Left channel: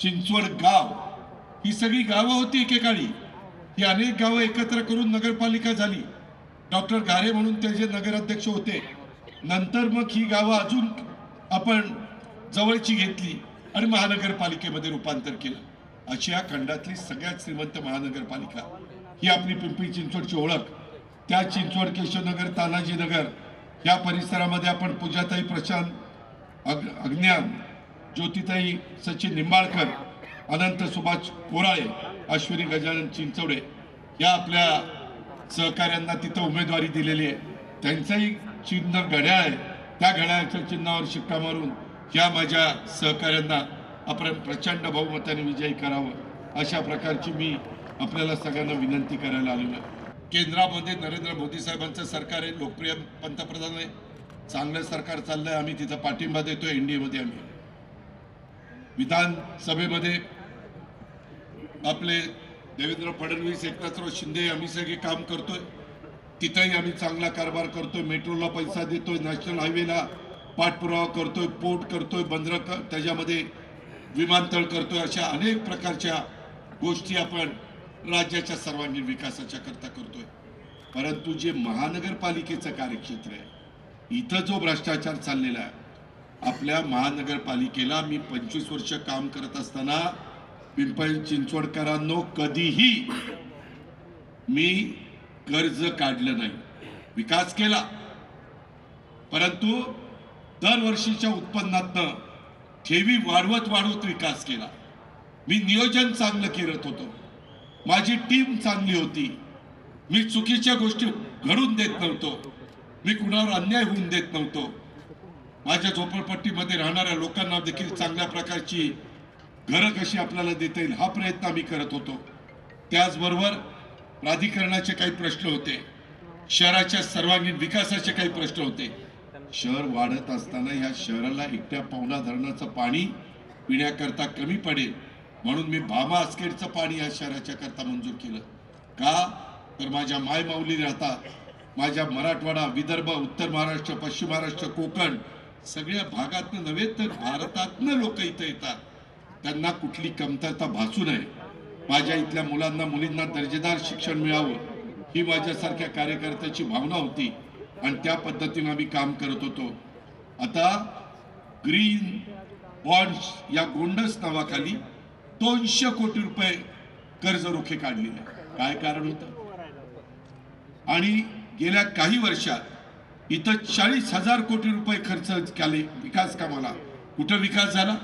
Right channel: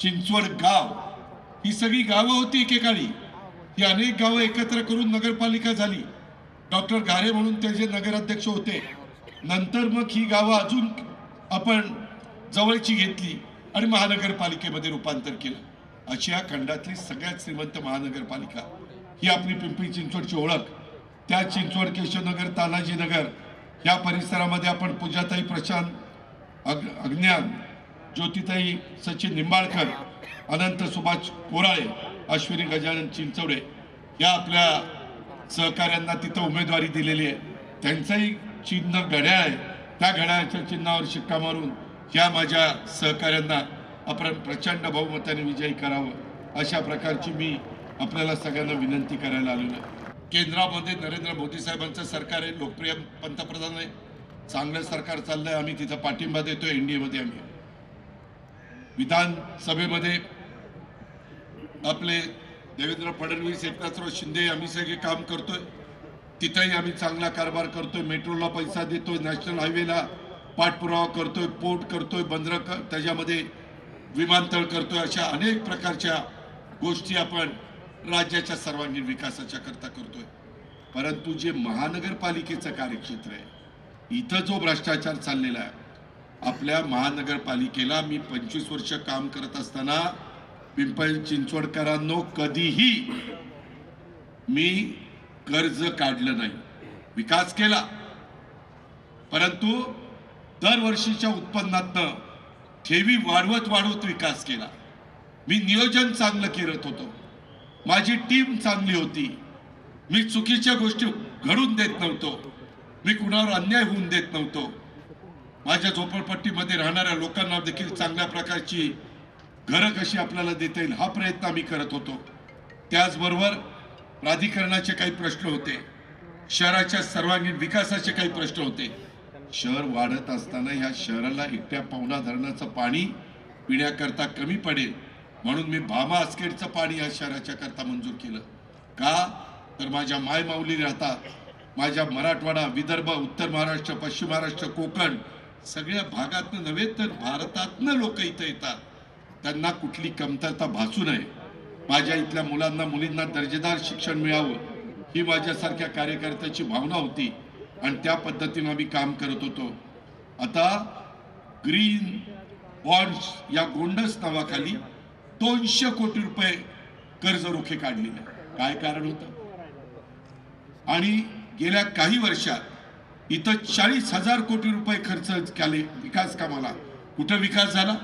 चिंचवड गाव. ही सगळी गावं होती एकेकाळी. ही अनेक गावं एकत्र करून नगरपालिका झाली. डॉक्टर घारे म्हणून ते जे नगराध्यक्ष होते. नंतर मग ही गावं अजून आपण जवळची घेतली आणि महानगरपालिकेमध्ये रूपांतर केलं. अशी या खंडातली सगळ्यात श्रीमंत महानगरपालिका. ही आपली पिंपरी चिंचवडची ओळख. त्या चिंचवड केशवनगर तानाजीनगर या परिसरामध्ये आपण पूजाताई प्रशांत अग अज्ञान ज्योतिताई सचिन निंबाळकर अनंत सुभाष कोराळे अश्विनी गजानन चिंचवडे या आपल्या सहकाऱ्यांना तिथं उमेदवारी दिलेली आहे. त्यांचंही चिन्ह घड्याळ आहे. त्या घड्याळाच्या चिन्हावर शिक्का मारून या माझ्या सहकाऱ्यांना आपण प्रचंड बहुमताने विजयी करावं अशा प्रकारची मी आपल्याला सगळ्यांना विनंती करायला आलेलो आहे. केंद्रामध्ये नरेंद्र मोदी साहेबांचं सरकार आहे लोकप्रिय पंतप्रधान आहे. चांगलं सरकार चाललंय आम्ही तिथं पाठिंबा देतो एन डी एमध्ये आम्ही. विधानसभेमध्ये आपले देवेंद्र फडणवीस एकनाथराव शिंदे आम्ही सगळे काम करतोय. तिथंही आम्ही चांगला कारभार करतोय. मेट्रोला पैसा देतोय नॅशनल हायवेला पाठपुरावा करतोय पोर्ट करतोय बंदर कर त्याच्यामध्ये विमानतळ करतोय अशा अनेक प्रकारच्या गोष्टी आपण राज्याच्या सर्वांगीण विकासाच्या करता करतोय. परंतु जे महानगरपालिकेचं कार्यक्षेत्र आहे इथं जो भ्रष्टाचार चाललेला आहे आपल्या महानगरपालिकेला मी पंचवीस वर्ष काम करत असताना पिंपळ चिंचवडकरांनो कधीही मी कर्ज काढलं नाही. विकास केला. परंतु दरवर्षीच्या उत्पन्नातनं ठेवी वाढवत वाढवत विकास केला. मी नियोजन चांगलं करत होतो. माझी टीम चांगली होती. मी चुकीच्या गोष्टी घडून देत नव्हतो. मी कुणावर अन्याय होऊन देत नव्हतो. माझ्या झोपडपट्टीमध्ये राहणाऱ्या लोकांना देखील चांगल्या प्रकारची घरं कशी आपल्याला देता येईल हा प्रयत्न आम्ही करत होतो. त्याचबरोबर प्राधिकरणाचे काही प्रश्न होते. शहराच्या सर्वांगीण विकासाचे काही प्रश्न होते. शहर वाढत असताना ह्या शहराला एकट्या पावना धरणाचं पाणी पिण्याकरता कमी पडेल. म्हणून मी भामा आसखेडचं पाणी या शहराच्या करता मंजूर केलं. का? तर माझ्या मायमाऊली राहतात. माझ्या मराठवाडा विदर्भ उत्तर महाराष्ट्र पश्चिम महाराष्ट्र कोकण सगळ्या भागातनं नव्हे तर भारतातनं लोक इथं येतात. त्यांना कुठली कमतरता भासू नये. माझ्या इथल्या मुलांना मुलींना दर्जेदार शिक्षण मिळावं ही माझ्यासारख्या कार्यकर्त्याची भावना होती आणि त्या पद्धतीनं आम्ही काम करत होतो. आता ग्रीन बॉन्ड्स या गोंडस नावाखाली दोनशे कोटी रुपये कर्ज रोखे काढलेले. काय कारण होतं? आणि गेल्या काही वर्षात इथं चाळीस हजार कोटी रुपये खर्च केले विकास कामाला. कुठं विकास झाला?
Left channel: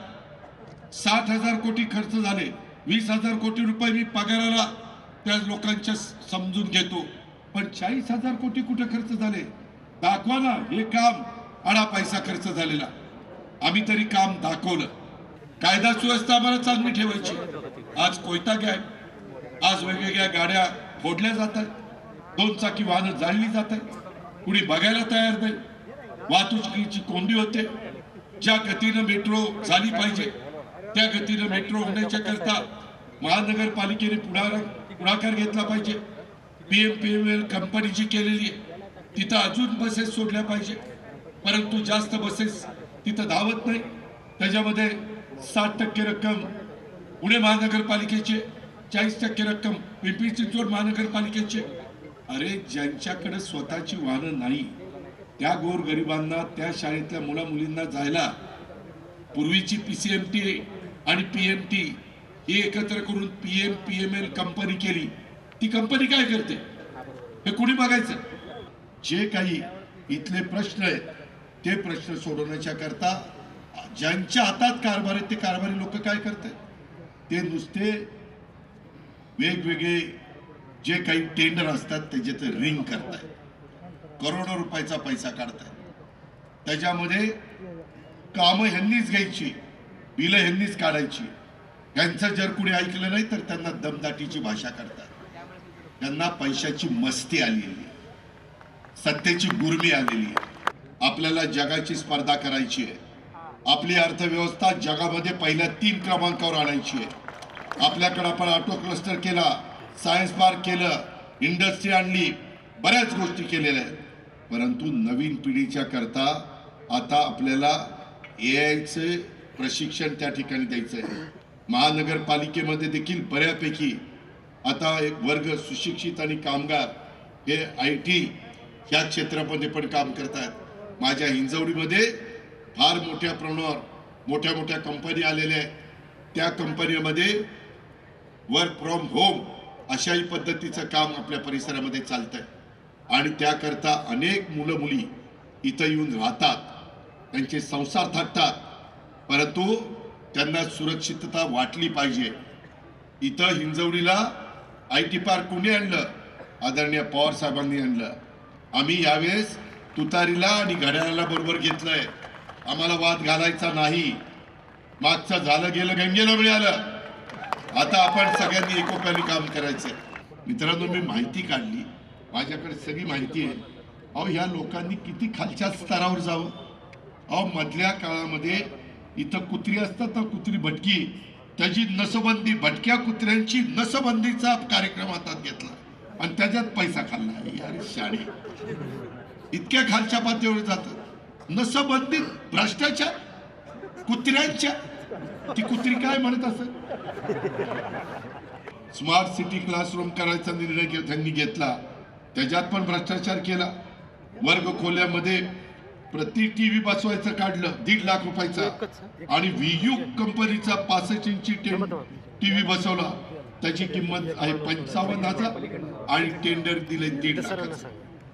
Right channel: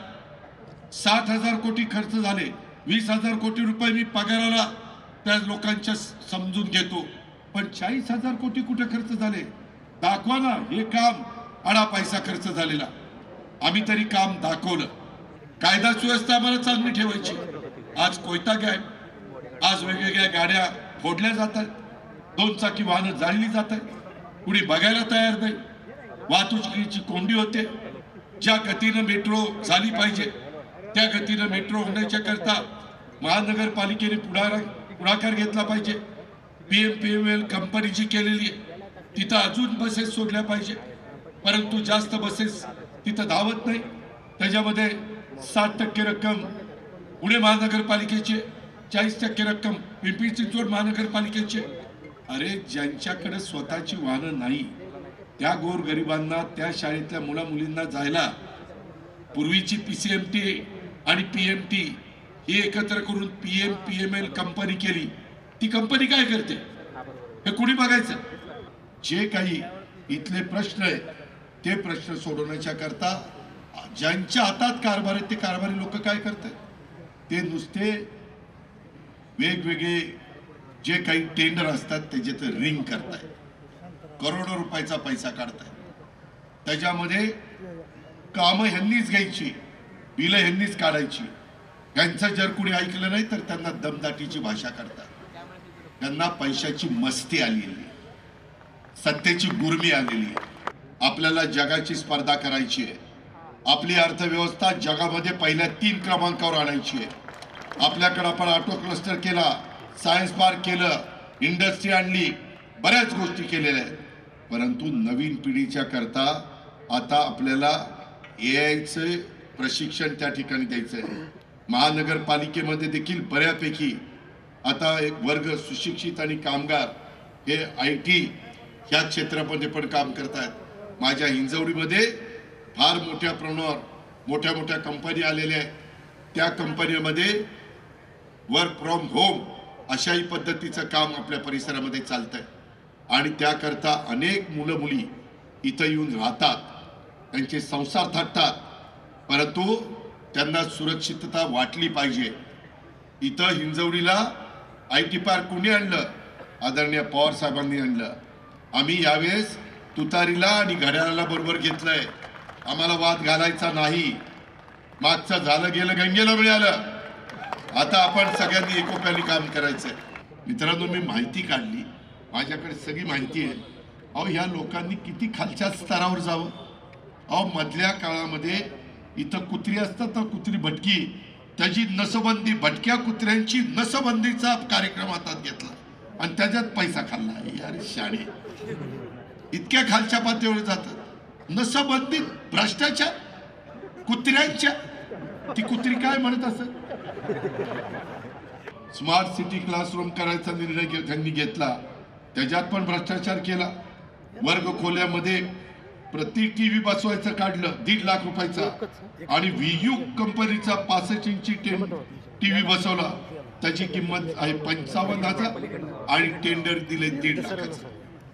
सात हजार कोटी खर्च झाले. वीस हजार कोटी रुपये मी पगाराला त्या लोकांच्या समजून घेतो. पण चाळीस हजार कोटी कुठे खर्च झाले? दाखवा ना हे काम आडा पैसा खर्च झालेला. आम्ही तरी काम दाखवलं. कायदा सुव्यवस्था आम्हाला चांगली ठेवायची. आज कोयता गॅ आज वेगवेगळ्या गाड्या फोडल्या जातात. दोन चाकी वाहनं जाळली जातात. कुणी बघायला तयार नाही. वाहतुकीची कोंडी होते. ज्या गतीनं मेट्रो झाली पाहिजे त्या गतीनं मेट्रो होण्याच्या करता महानगरपालिकेने पुढार पुढाकार घेतला पाहिजे. P M P M L company जी केलेली आहे तिथं अजून बसेस सोडल्या पाहिजे. परंतु जास्त बसेस तिथं धावत नाही. त्याच्यामध्ये साठ टक्के रक्कम पुणे महानगरपालिकेचे चाळीस टक्के रक्कम पिंपरी चिंचवड महानगरपालिकेचे अरे ज्यांच्याकडे स्वतःची वाहनं नाही त्या गोरगरिबांना त्या शाळेतल्या मुला मुलींना जायला पूर्वीची पी सी एम टी आणि पी एम टी ही एकत्र करून P M P M L company केली. ती कंपनी काय करते? हे कुणी बघायचं? जे काही इथले प्रश्न आहेत ते प्रश्न सोडवण्याच्या करता ज्यांच्या हातात कारभार आहेत ते कारभारी लोक काय करतात? ते नुसते वेगवेगळे जे काही टेंडर असतात त्याच्यात रिंग करताय करोडो रुपयाचा पैसा काढताय त्याच्यामध्ये कामं ह्यांनीच घ्यायची बिलं ह्यांनीच काढायची. यांचं जर कुणी ऐकलं नाही तर त्यांना दमदाटीची भाषा करतात. त्यांना पैशाची मस्ती आलेली सत्तेची गुरमी आलेली आहे. आपल्याला जगाची स्पर्धा करायची आहे. आपली अर्थव्यवस्था जगामध्ये पहिल्या तीन क्रमांकावर आणायची आहे. आपल्याकडे आपण ऑटो क्लस्टर केला सायन्स पार्क केलं इंडस्ट्री आणली बऱ्याच गोष्टी केलेल्या आहेत. परंतु नवीन पिढीच्या करता आता आपल्याला ए आयचं प्रशिक्षण त्या ठिकाणी द्यायचं आहे महानगरपालिकेमध्ये देखील बऱ्यापैकी आता एक वर्ग सुशिक्षित आणि कामगार हे आय टी ह्या क्षेत्रामध्ये पण काम करतात माझ्या हिंजवडीमध्ये फार मोठ्या प्रमाणावर मोठ्या मोठ्या कंपनी आलेल्या आहेत. त्या कंपनीमध्ये वर्क फ्रॉम होम अशाही पद्धतीचं काम आपल्या परिसरामध्ये चालतंय. आणि त्याकरता अनेक मुलं मुली इथं येऊन राहतात. त्यांचे संसार थाटतात. परंतु त्यांना सुरक्षितता वाटली पाहिजे. इथं हिंजवडीला आय टी पार्क कोणी आणलं? आदरणीय पवार साहेबांनी आणलं. आम्ही यावेळेस तुतारीला आणि घड्याळाला बरोबर घेतलंय. आम्हाला वाद घालायचा नाही. मागचं झालं गेलं गंगेला मिळालं. आता आपण सगळ्यांनी एकोप्याने काम करायचंय. मित्रांनो मी माहिती काढली. माझ्याकडे सगळी माहिती आहे. अहो ह्या लोकांनी किती खालच्या स्तरावर जावं? अहो मधल्या काळामध्ये इथं कुत्री असतात ना कुत्री भटकी. त्याची नसबंदी भटक्या कुत्र्यांची नसबंदीचा कार्यक्रम हातात घेतला. आणि त्याच्यात पैसा खाल्ला. यार शाळे इतक्या खालच्या पातळीवर जातात नसबंदी भ्रष्टाचार कुत्र्यांच्या ती कुत्री काय म्हणत असत स्मार्ट सिटी क्लासरूम करायचा निर्णय त्यांनी घेतला. त्याच्यात पण भ्रष्टाचार केला. वर्ग खोल्यामध्ये प्रति टीव्ही बसवायचं काढलं दीड लाख रुपयाचा. आणि व्हीयू कंपनीचा पासष्ट इंची टीव्ही बसवला. त्याची किंमत आहे पंचावन्न हजार आणि टेंडर दिले दीड लाखाचं.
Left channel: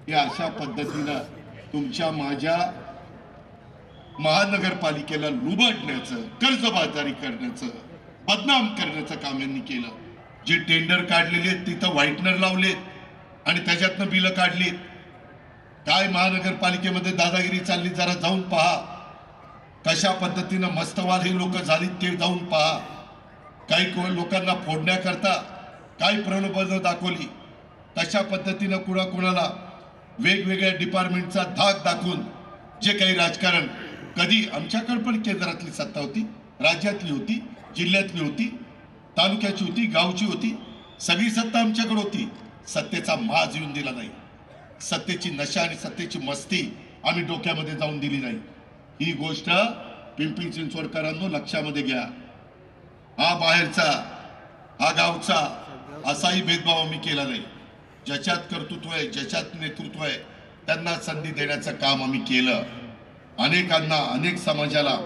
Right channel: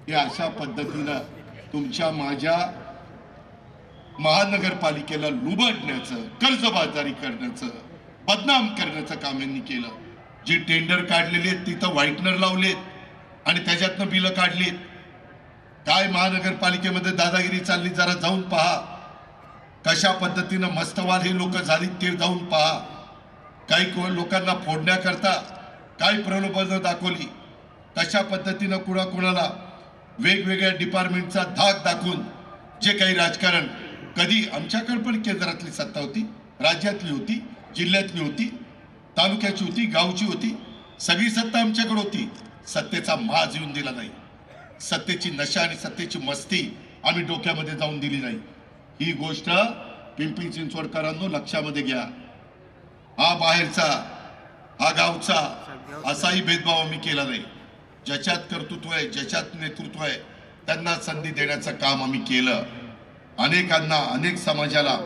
हे अशा पद्धतीनं तुमच्या माझ्या महानगरपालिकेला लुबाडण्याचं कर्जबाजारी करण्याचं बदनाम करण्याचं काम यांनी केलं. जे टेंडर काढलेले आहेत तिथं व्हाईटनर लावलेत आणि त्याच्यातनं बिलं काढलीत. काय महानगरपालिकेमध्ये दादागिरी चालली जरा जाऊन पहा. कशा पद्धतीनं मस्तवाल हे लोक झाली ते जाऊन पहा. काही को- लोकांना फोडण्याकरता काय प्रलोभनं दाखवली. कशा पद्धतीनं कुणाकुणाला वेगवेगळ्या डिपार्टमेंटचा धाक दाखवून जे काही राजकारण कधी आमच्याकडे पण केंद्रातली सत्ता होती राज्यातली होती जिल्ह्यातली होती तालुक्याची होती गावची होती. सगळी सत्ता आमच्याकडे होती. सत्तेचा माज येऊन दिला नाही. सत्तेची नशा आणि सत्तेची मस्ती आम्ही डोक्यामध्ये जाऊन दिली नाही. ही गोष्ट पिंपरी चिंचवडकरांनो लक्षामध्ये घ्या. हा बाहेरचा हा गावचा असाही भेदभाव आम्ही केला नाही. ज्याच्यात कर्तृत्व आहे ज्याच्यात नेतृत्व आहे त्यांना संधी देण्याचं काम आम्ही केलं. अनेकांना अनेक समाजाला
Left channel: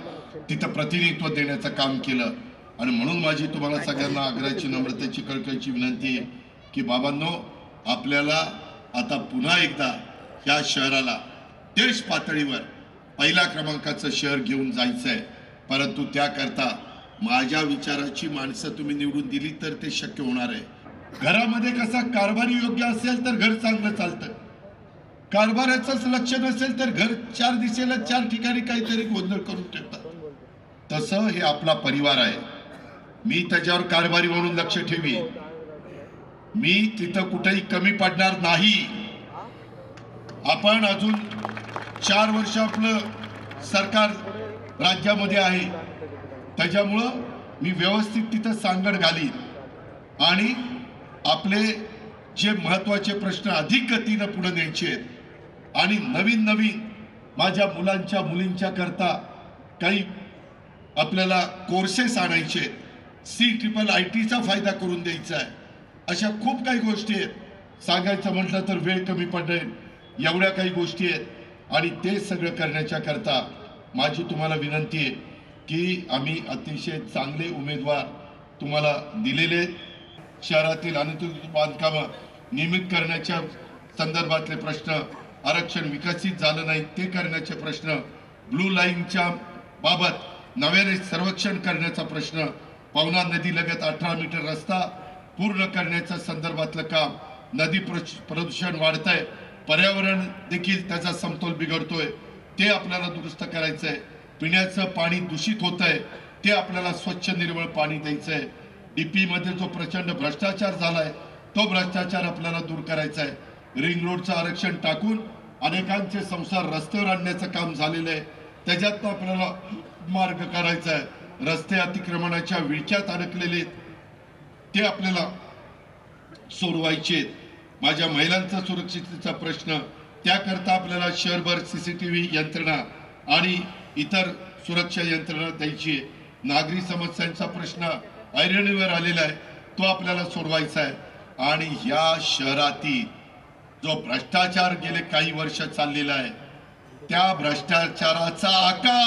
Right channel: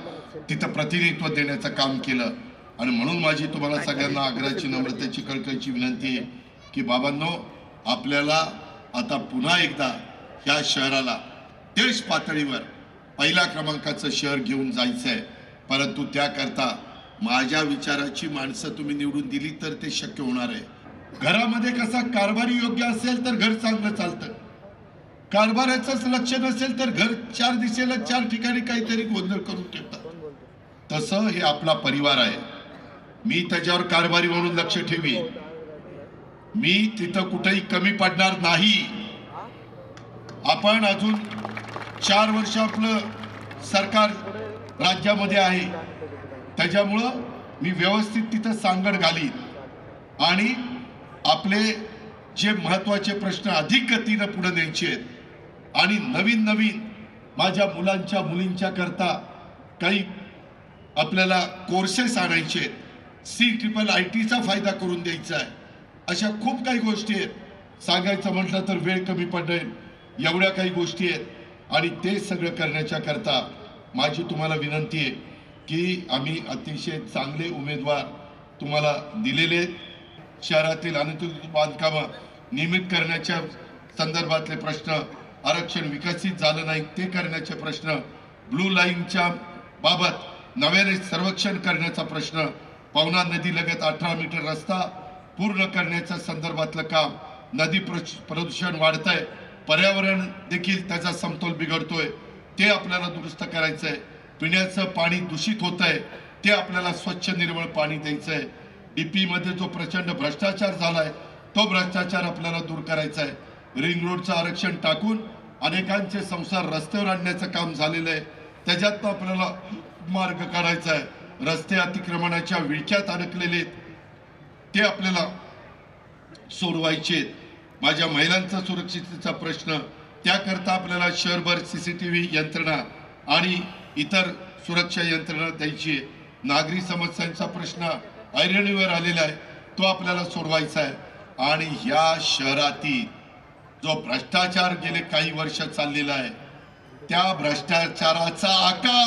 तिथं प्रतिनिधित्व देण्याचं काम केलं. आणि म्हणून माझी तुम्हाला सगळ्यांना आग्रहाची नम्रतेची कळकळीची विनंती आहे की बाबांनो आपल्याला आता पुन्हा एकदा या शहराला देश पातळीवर पहिल्या क्रमांकाचं शहर घेऊन जायचं आहे परंतु त्याकरता माझ्या विचाराची माणसं तुम्ही निवडून दिली तर ते शक्य होणार आहे. घरामध्ये कसा कारभारी योग्य असेल तर घर चांगलं चालतं. कारभाराचंच लक्ष नसेल तर घर चार दिशेला चार ठिकाणी काहीतरी गोंधळ करून ठेवतात. तसं हे आपला परिवार आहे. मी त्याच्यावर कारभारी म्हणून लक्ष ठेवी मी तिथं कुठेही कमी पडणार नाही. आपण अजून चार वर्ष आपलं सरकार राज्यामध्ये आहे. त्याच्यामुळं मी व्यवस्थित तिथं सांगड घालीन. आणि आपले जे महत्त्वाचे प्रश्न अधिक गतीनं पुढे न्यायचे आहेत आणि नवीन नवीन माझ्या मुलांच्या मुलींच्या करता काही आपल्याला कोर्सेस आणायचे. सी ट्रिपल आय टीचा फायदा करून द्यायचा आहे. अशा खूप काही गोष्टी आहेत. सांगायचं म्हटलं तर वेळ कमी पडेल. एवढ्या काही गोष्टी आहेत. आणि ते सगळं करण्याच्या करता माझी तुम्हाला विनंती आहे की आम्ही अतिशय चांगले उमेदवार तुम्हाला दिलेले शहरातील अनुसूचित बांधकामं नियमित करण्याच्या संदर्भातले प्रश्न आरक्षण विकसित झालं नाही ते करण्याचे प्रश्न ब्लू लाईनच्या बाबत नव्याने सर्वेक्षण करण्याचा प्रश्न पवना नदी लगत अठरा मीटर रस्ता पूर्ण करण्याच्या संदर्भातलं काम नदी प्रश- प्रदूषण वाढतंय पर्यावरण देखील त्याचा समतोल बिघडतोय ते आपल्याला दुरुस्त करायचं आहे पिण्याचं पाणी दूषित होत आहे ते आपल्याला स्वच्छ निर्मळ पाणी द्यायचं आहे डीपी मध्ये जो प्रचंड भ्रष्टाचार झालाय तो भ्रष्टाचार आपल्याला दूर करायचा आहे रिंग रोडचं आरक्षण टाकून अनेकांचे संसार रस्त्यावर आणण्याचं काम झालेलं आहे. त्याच्यात आपल्याला मार्ग काढायचा आहे. रस्ते अतिक्रमणाच्या विळख्यात अडकलेले आहेत, ते आपल्याला सोडवायचे आहेत. माझ्या महिलांचा सुरक्षिततेचा प्रश्न त्याकरता आपल्याला शहरभर सी सी टी व्ही यंत्रणा आणि इतर सुरक्षा यंत्रणा द्यायची आहे नागरी समस्यांचा प्रश्न ऐरणीवर आलेला आहे. तो आपल्याला सोडवायचा आहे. आणि या शहरातील जो भ्रष्टाचार गेले काही वर्ष चाललेला आहे त्या भ्रष्टाचाराचा आका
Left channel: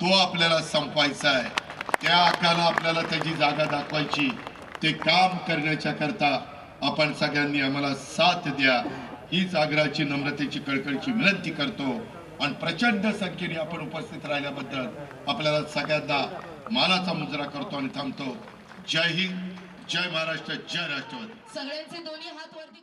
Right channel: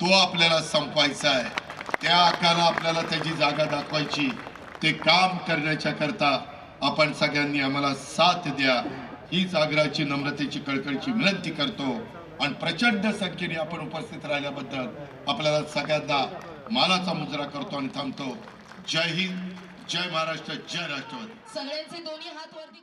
तो आपल्याला संपवायचा आहे. त्या आकाला आपल्याला त्याची जागा दाखवायची. ते काम करण्याच्या करता आपण सगळ्यांनी आम्हाला साथ द्या. हीच आग्रहाची नम्रतेची कळकळची विनंती करतो. आणि प्रचंड संख्येने आपण उपस्थित राहिल्याबद्दल आपल्याला सगळ्यांना मानाचा मुजरा करतो आणि थांबतो. जय हिंद जय महाराष्ट्र जय राष्ट्रवादी. सगळ्यांचे दोन्ही हात वरती